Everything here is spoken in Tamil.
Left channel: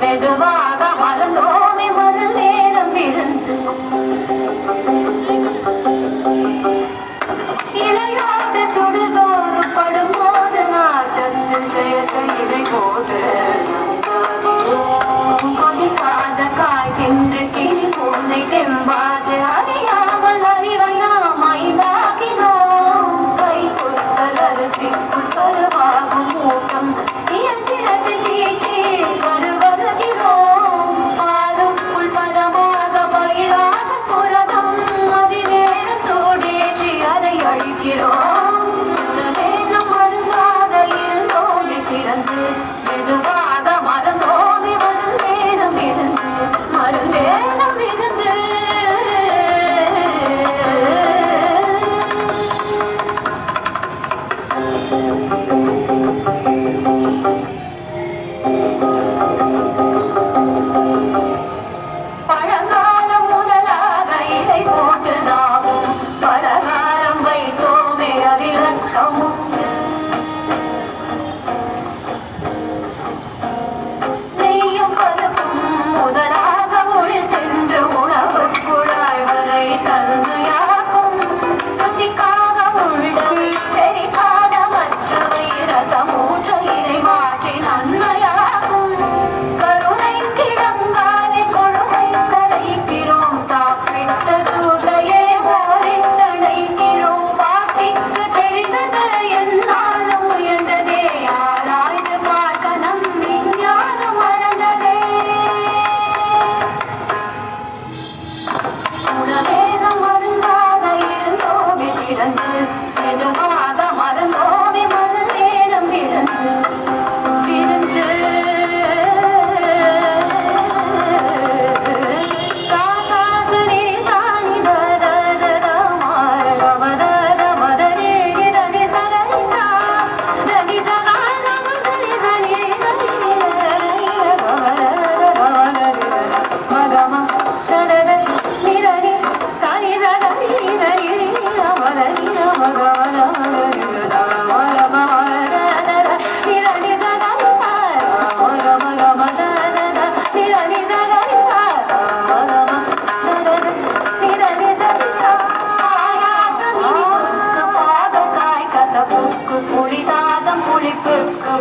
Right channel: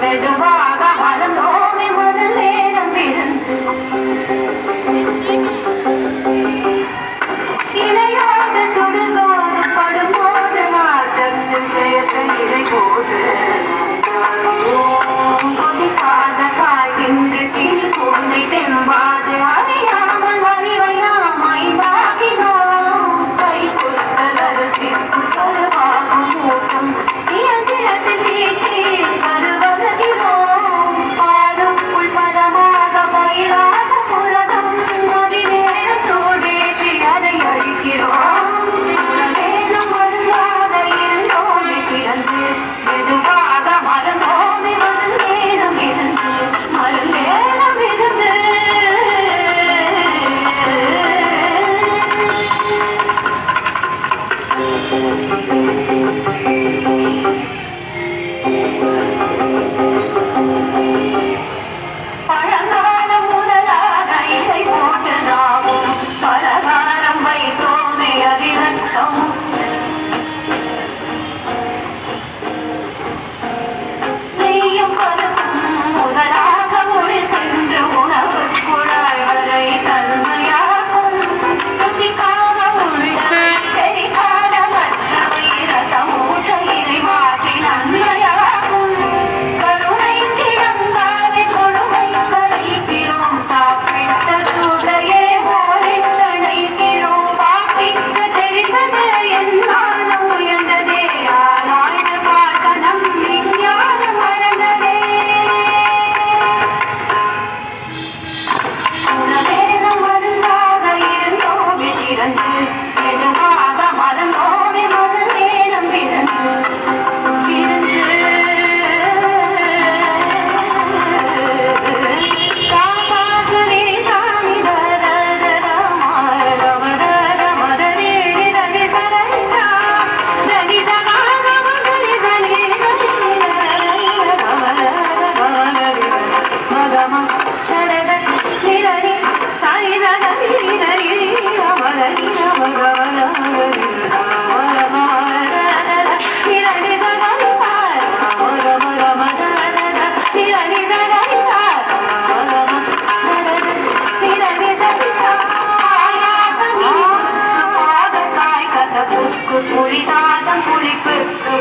மெதுவாக மறந்தோமே முதல் நேரம் இருந்து இணையாத சுடுசோறு படும்போது நாச்சத்தில் சேர்த்து இதை போது கொதிக்காத காய்கின்ற கிளி பூனை தெம்பாச்சு அறியாமல் வரிவை நாம் ஐந்தாகினோம் கை கொடுத்ததரசிக்குள் கருவாகும் மூட்டம் இயந்திரத்தில் தீட்டி கருவருகிறோம் பாலுக்குள் பதமாக பயிராக புரதம் மதிவேறு சூடேற்றி அதை அழிக்கிறோம் மேலும் மருந்தாக இருந்தோமே பிறந்து மெதுவாக மறந்தோமே மருந்தேனம் இருந்து மருந்தேனம் இருந்து பழங்காலம் முதலாக இலை போட்டு நாமும் பலகாரம் வைத்தோமே அதிரத்தமும் நெய்யும் பருப்பும் முதலாக மொழி சென்று உணவு குழாய் வரை தன்மையாகும் ருசிக்காக உள்ள பெரிகால மற்றவை ரசமூற்ற இதை மாற்றி நன்மையாகும் கருணை கிடங்காலே கொடுமை கரைக்கிறோம் சாப்பிட்ட சூடையே ஓரித்தணைக்கிறோம் பாட்டிக்கு தெரிந்தது என்னாலும் உயர்ந்ததே ஆராய்ந்து பார்க்க நம் விஞ்ஞானம் மறந்ததே உணவேனம் மருந்தாக இருந்தோமே திறந்து மெதுவாக மறந்தோமே முதல் நேரம் பிறந்து புரிதாதம் புளிப்புக்கு